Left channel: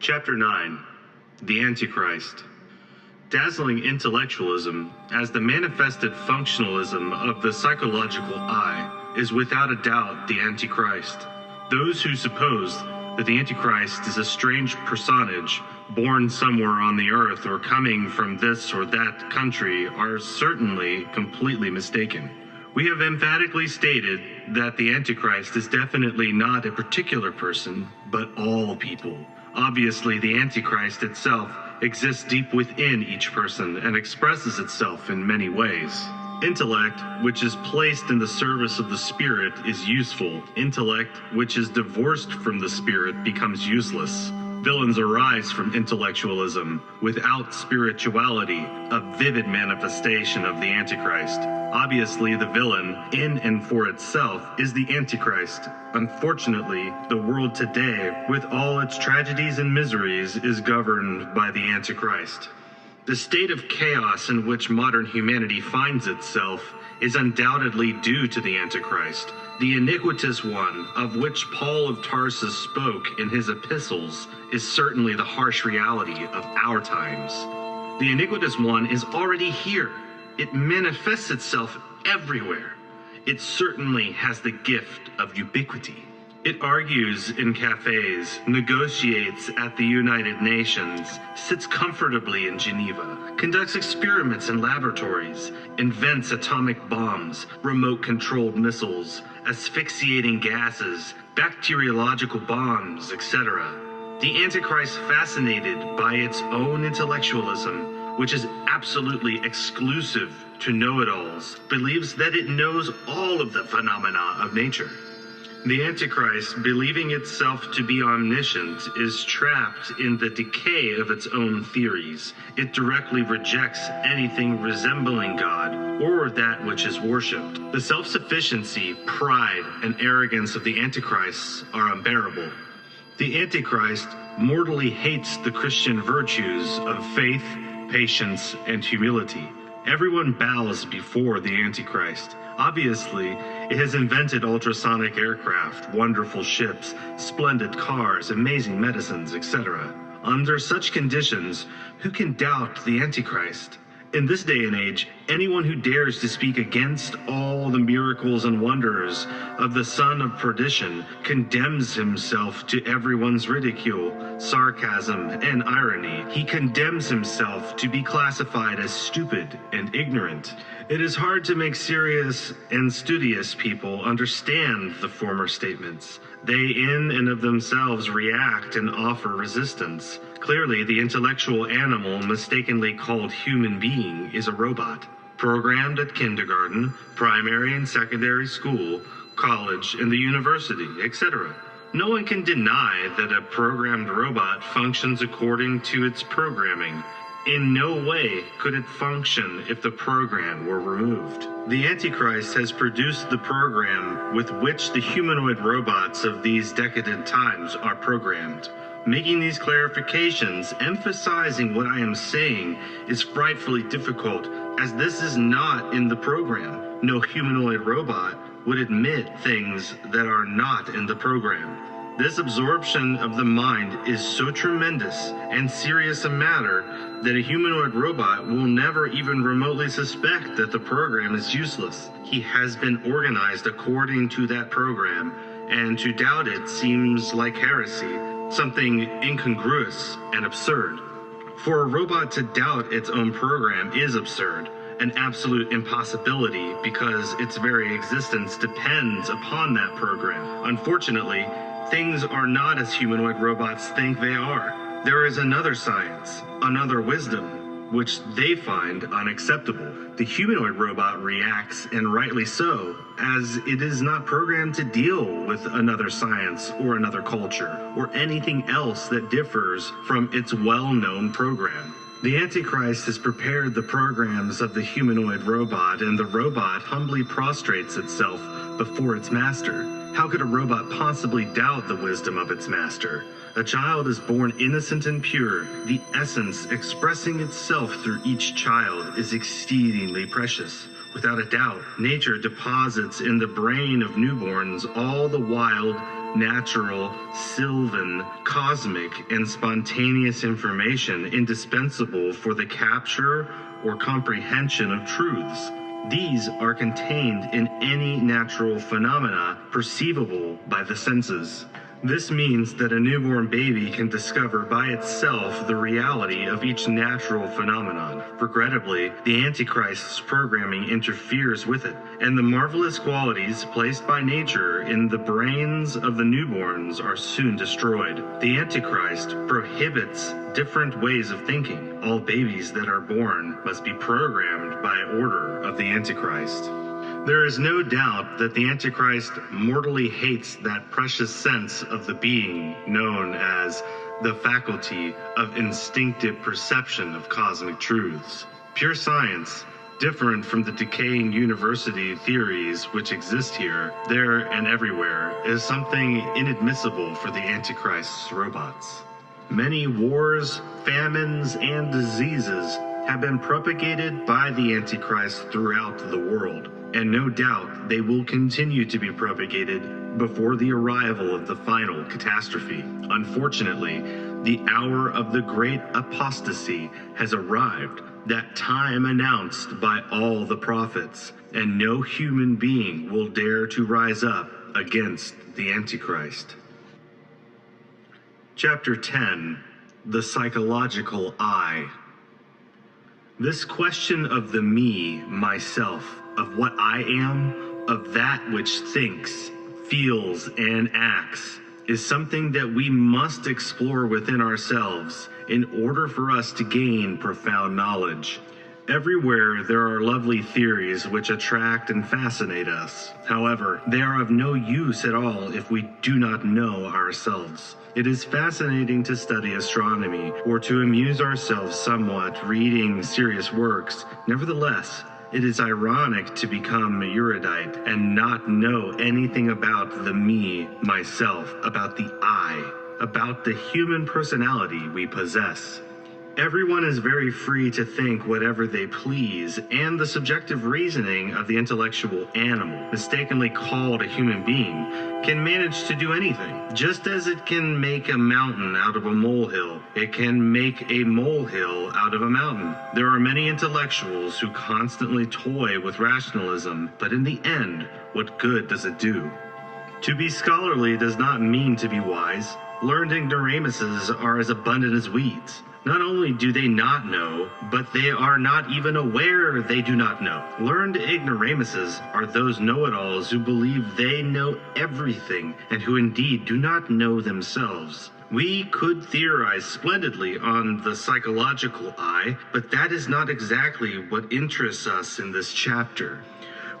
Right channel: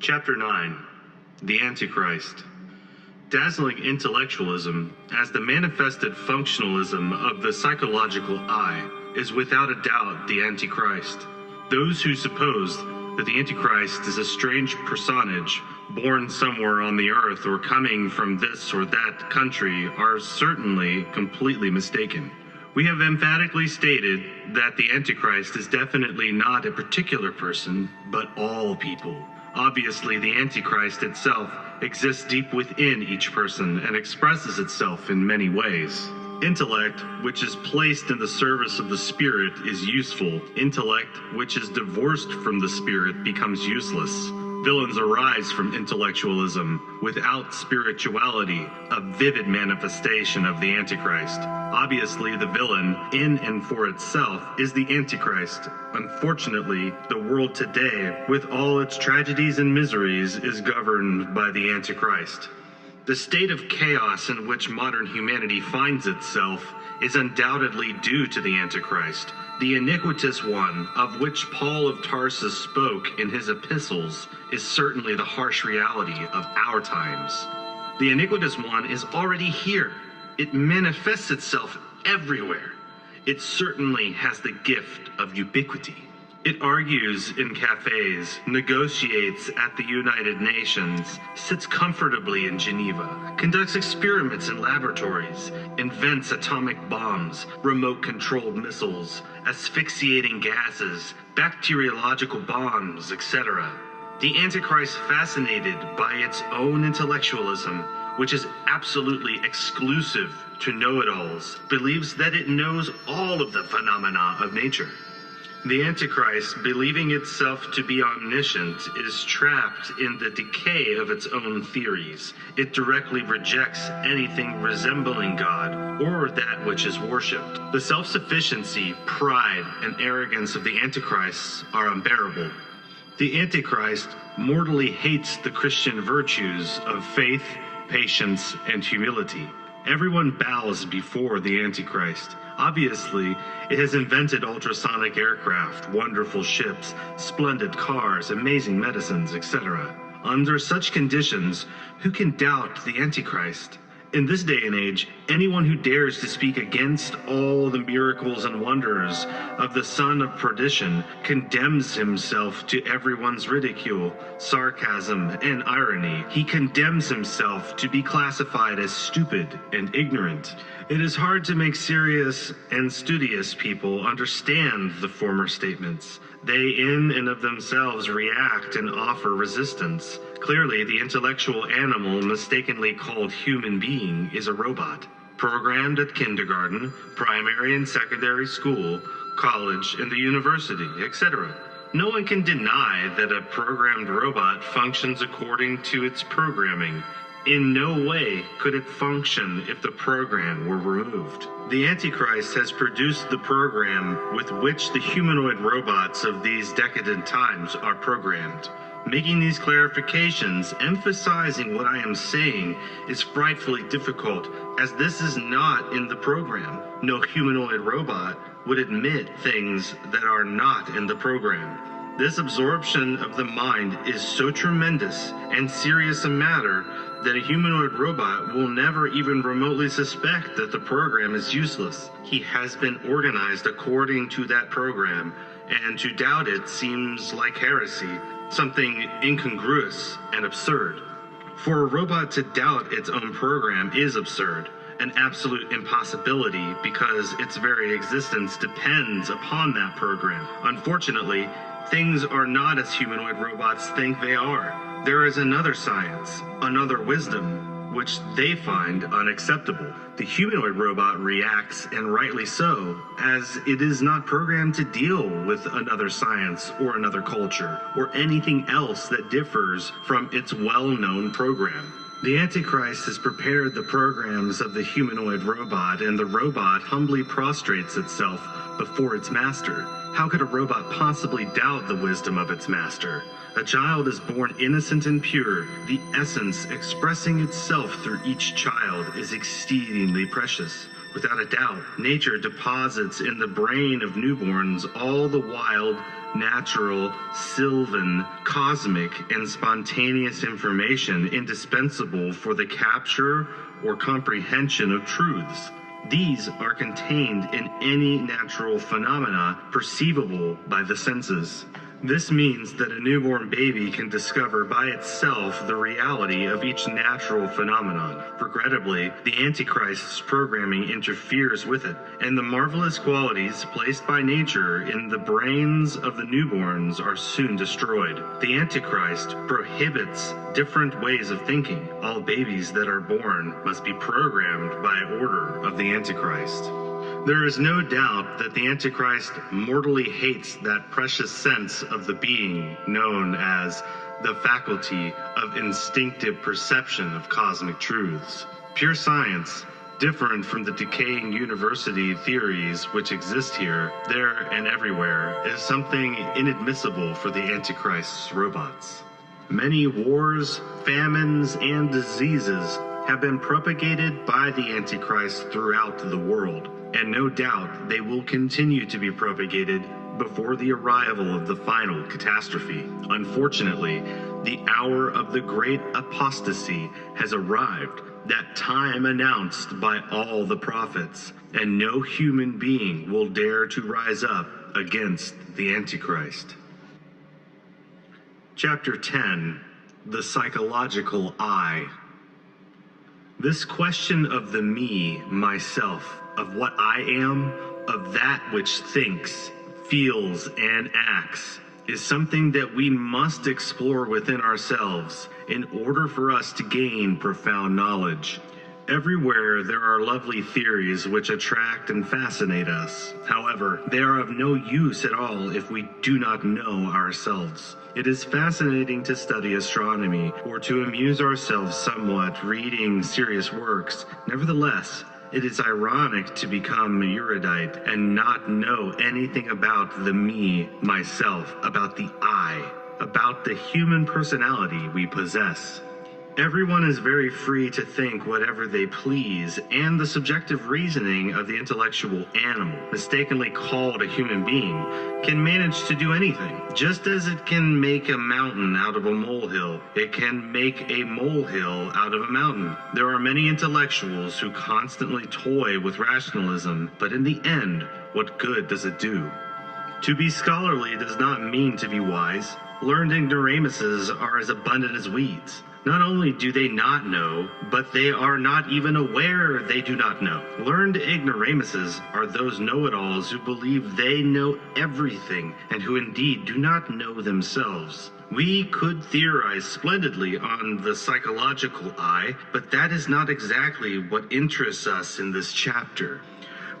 Chapter 9. The Antichrist. Dazzling intellectualism, as the manifested functionalism of the psychological eye, is without a doubt the Antichrist. Those who suppose that the Antichrist is a strange personage born somewhere on the earth or coming from this or that country are certainly completely mistaken. We have emphatically stated that the Antichrist is definitely not a particular person, but all people. Obviously, the Antichrist itself exists deep within each person and expresses itself in many ways. Intellect, which is placed in the service of the spirit, is useful. Intellect, which is divorced from the spirit, becomes useless. Villains arise from intellectualism. Without spirituality, a vivid manifestation of the Antichrist. Obviously, the villain, in and for itself, is the Antichrist. Unfortunately, the world today, with all its tragedies and miseries, is governed by the Antichrist. The state of chaos in which modern humanity finds itself is undoubtedly due to the Antichrist, the iniquitous one of which Paul of Tarsus spoke in his epistles is certainly the harsh reality of our times. The iniquitous one is already here. It manifests itself everywhere. It certainly has the gift of ubiquity. It argues in cafes, negotiates at the United Nations, sits comfortably in Geneva, conducts experiments in laboratories, invents atomic bombs, remote-controlled missiles, asphyxiating gases, bacteriological bombs, etc. The Antichrist, fascinated by its own intellectualism, which is absolutely exclusive to know-it-alls, believes that it knows all of the phenomena of nature. The Antichrist, believing itself to be omniscient, is trapped in the decay of its own theories. It directly rejects anything resembling God or that which is worshipped. The self-sufficiency, pride, and arrogance of the Antichrist are unbearable. The Antichrist mortally hates the Christian virtues of faith, patience, and humility. Everyone bows before the Antichrist. Obviously, it has invented ultrasonic aircraft, wonderful ships, splendid cars, amazing medicines, etc. Under such conditions, who can doubt the Antichrist? In this day and age, anyone who dares to speak against all the miracles and wonders of the son of perdition condemns himself to everyone's ridicule, sarcasm, and irony. He condemns himself to be classified as stupid and ignorant. It is hard to make serious and studious people understand the former statements. They in and of themselves react and offer resistance. Clearly, the intellectual animal mistakenly called human being is a robot, programmed at kindergarten, primary and secondary school, college, and the university, etc. No one can deny that a programmed robot functions according to its programming. In no way could it function if the program were removed. The Antichrist has produced the program with which the humanoid robots of these decadent times are programmed. Making these clarifications, emphasizing what I am saying, is frightfully difficult, as this is not in the program. No humanoid robot would admit things that are not in the program. This absorption of the mind is so tremendous and serious a matter that a humanoid robot will never even remotely suspect that the program is useless. He has been organized according to that program, and to doubt it seems like heresy, something incongruous and absurd. For a robot to doubt its own program is absurd, an absolute impossibility, because its very existence depends upon that program. Unfortunately, things are not as humanoid robots think they are. There is another science, another wisdom, which they find unacceptable. The humanoid robot reacts, and rightly so, as it is not programmed to deal with another science or another culture, or anything else that differs from its well-known program. The Antichrist has prepared the programs of the humanoid robot, and the robot humbly prostrates itself before its master. How could a robot possibly doubt the wisdom of its master? A child is born innocent and pure. The essence expressing itself through each child is exceedingly precious. Without a doubt, nature deposits in the brain of newborns all the wild, natural, sylvan, cosmic, and spontaneous information indispensable for the capture or comprehension of truths. These are contained in any natural phenomena perceivable by the senses. This means that a newborn baby can discover by itself the reality of each natural phenomenon. Regrettably, the Antichrist's programming interferes with it, and the marvelous qualities placed by nature in the brains of the newborns are soon destroyed. The Antichrist prohibits different ways of thinking. All babies that are born must be programmed by order of the Antichrist. There is no doubt that the Antichrist mortally hates that precious sense of the being known as the faculty of instinctive perception of cosmic truths. Pure science, different from the decaying university theories which exist here, there, and everywhere, is something inadmissible for the Antichrist's robots. Many wars, famines, and diseases have been propagated by the Antichrist throughout the world, and no doubt they will continue to be propagated before the arrival of the final catastrophe. Unfortunately, the hour of the great apostasy has arrived, that time announced by all the prophets, and no human being will dare to rise up against the Antichrist. Chapter 10, The Psychological I. This question of the me, myself, of what I am, of that which thinks, feels, and acts, is something that we must explore within ourselves in order for us to gain profound knowledge. Everywhere there are lovely theories which attract and fascinate us. However, they are of no use at all if we do not know ourselves. It is fascinating to study astronomy or to amuse ourselves somewhat reading serious works. Nevertheless, it is ironic to become erudite and not know anything about the me, myself, about the I, about the human personality we possess. Everyone is very free to think whatever they please, and the subjective reasoning of the intellectual animal, mistakenly called a human being, can manage to do anything. Just as it can make a mountain out of a molehill, it can make a molehill out of a mountain. There are many intellectuals who constantly toy with rationalism, but in the end, what good does it do? To be scholarly does not mean to be wise. Learned ignoramuses are as abundant as weeds. Not only do they not know, but they are not even aware they do not know. Learned ignoramuses are those know-it-alls who believe they know everything and who indeed do not know themselves. We could theorize splendidly on the psychological I, but that is not exactly what interests us in this chapter.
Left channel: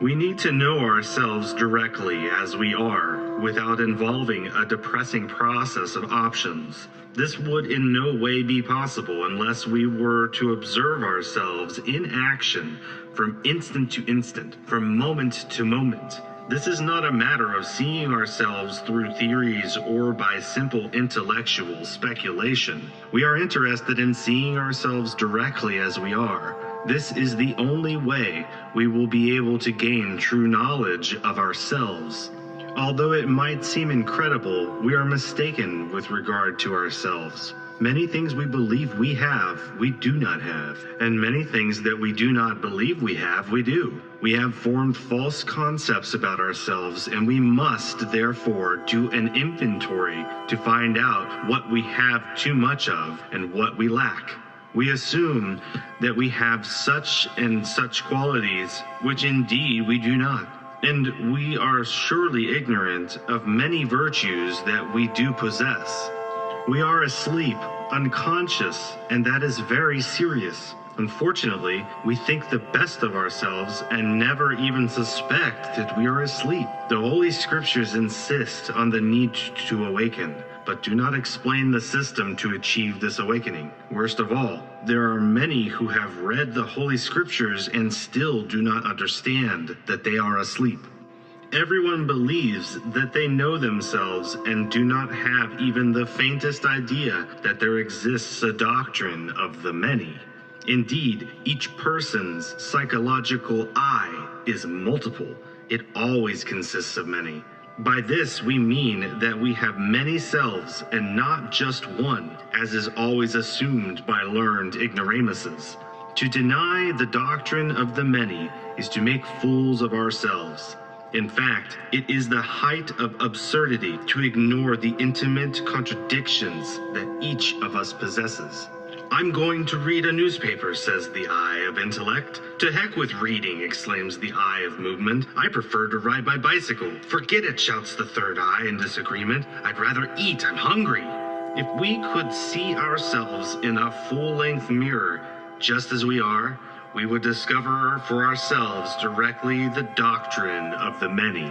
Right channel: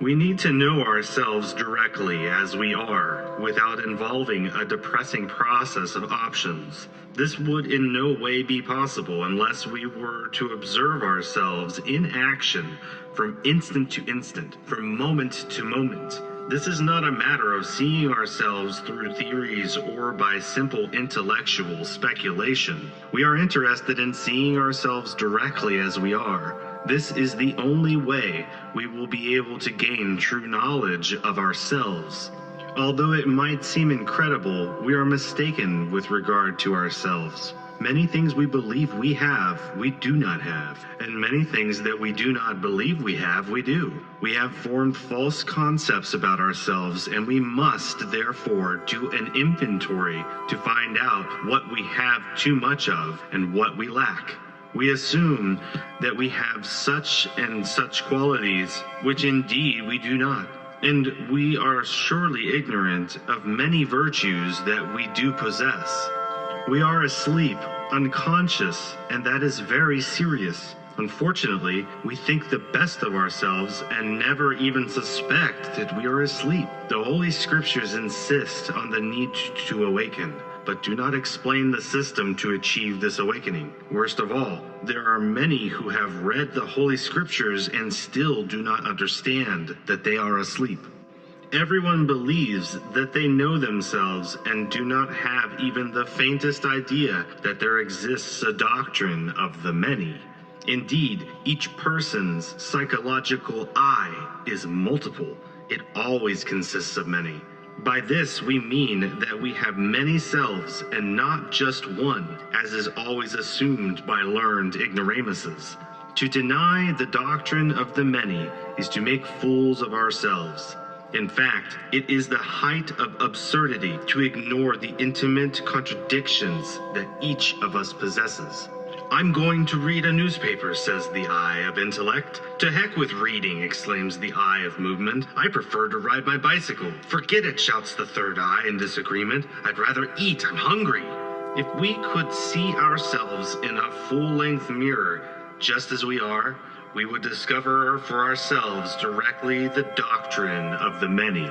We need to know ourselves directly as we are, without involving a depressing process of options. This would in no way be possible unless we were to observe ourselves in action from instant to instant, from moment to moment. This is not a matter of seeing ourselves through theories or by simple intellectual speculation. We are interested in seeing ourselves directly as we are. This is the only way we will be able to gain true knowledge of ourselves. Although it might seem incredible, we are mistaken with regard to ourselves. Many things we believe we have, we do not have, and many things that we do not believe we have, we do. We have formed false concepts about ourselves, and we must therefore do an inventory to find out what we have too much of and what we lack. We assume that we have such and such qualities, which indeed we do not. And we are surely ignorant of many virtues that we do possess. We are asleep, unconscious, and that is very serious. Unfortunately, we think the best of ourselves and never even suspect that we are asleep. The Holy Scriptures insist on the need to awaken, but do not explain the system to achieve this awakening. Worst of all, there are many who have read the Holy Scriptures and still do not understand that they are asleep. Everyone believes that they know themselves and do not have even the faintest idea that there exists a doctrine of the many. Indeed, each person's psychological I is multiple. It always consists of many. By this we mean that we have many selves and not just one, as is always assumed by learned ignoramuses. To deny the doctrine of the many is to make fools of ourselves. In fact, it is the height of absurdity to ignore the intimate contradictions that each of us possesses. I'm going to read a newspaper, says the eye of intellect. To heck with reading, exclaims the eye of movement. I prefer to ride my bicycle. Forget it, shouts the third eye in disagreement. I'd rather eat, I'm hungry. If we could see ourselves in a full-length mirror, just as we are, we would discover for ourselves directly the doctrine of the many.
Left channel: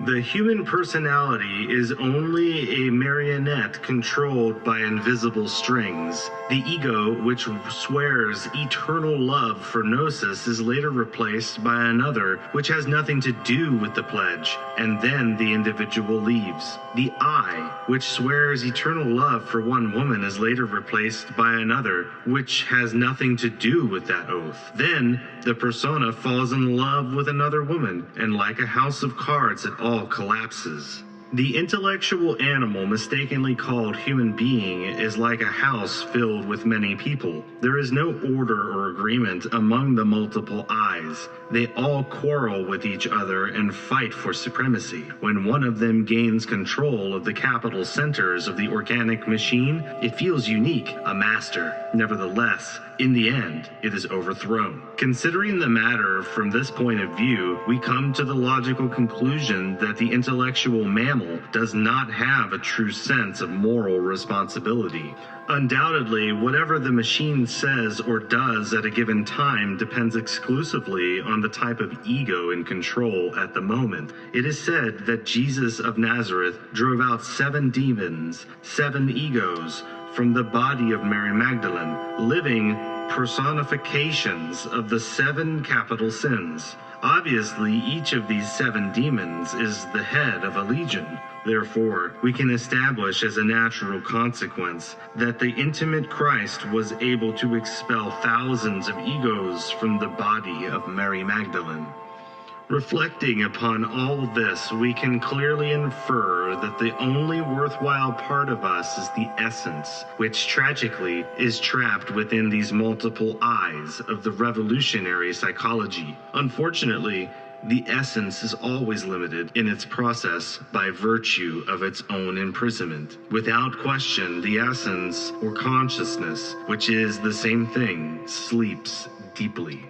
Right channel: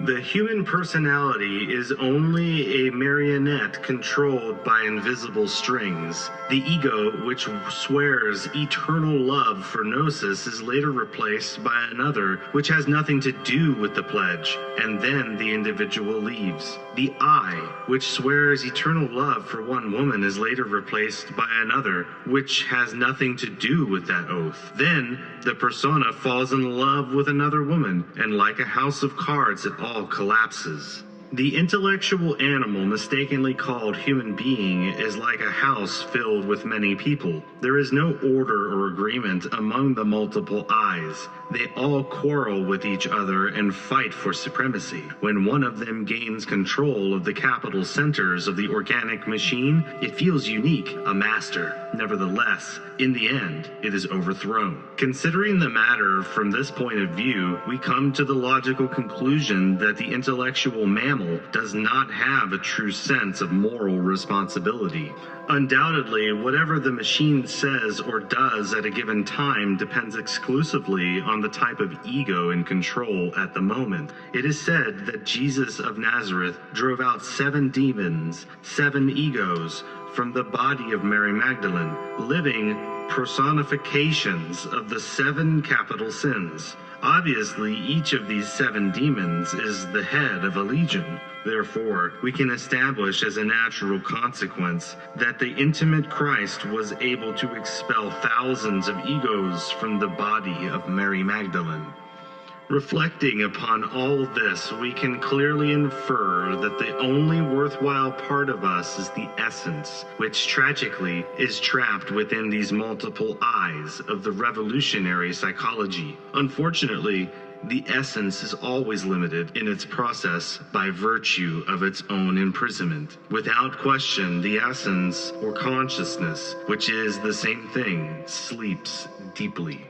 The human personality is only a marionette controlled by invisible strings. The ego, which swears eternal love for gnosis, is later replaced by another which has nothing to do with the pledge, and then the individual leaves. The I, which swears eternal love for one woman, is later replaced by another which has nothing to do with that oath. Then the persona falls in love with another woman, and like a house of cards, it all collapses. The intellectual animal mistakenly called human being is like a house filled with many people. There is no order or agreement among the multiple eyes. They all quarrel with each other and fight for supremacy. When one of them gains control of the capital centers of the organic machine, it feels unique, a master. Nevertheless, in the end, it is overthrown. Considering the matter from this point of view, we come to the logical conclusion that the intellectual mammal does not have a true sense of moral responsibility. Undoubtedly, whatever the machine says or does at a given time depends exclusively on the type of ego in control at the moment. It is said that Jesus of Nazareth drove out 7 demons, 7 egos, from the body of Mary Magdalene, living personifications of the 7 capital sins. Obviously, each of these 7 demons is the head of a legion. Therefore, we can establish as a natural consequence that the intimate Christ was able to expel thousands of egos from the body of Mary Magdalene. Reflecting upon all this, we can clearly infer that the only worthwhile part of us is the essence, which tragically is trapped within these multiple eyes of the revolutionary psychology. Unfortunately, the essence is always limited in its process by virtue of its own imprisonment. Without question, the essence or consciousness, which is the same thing, sleeps deeply.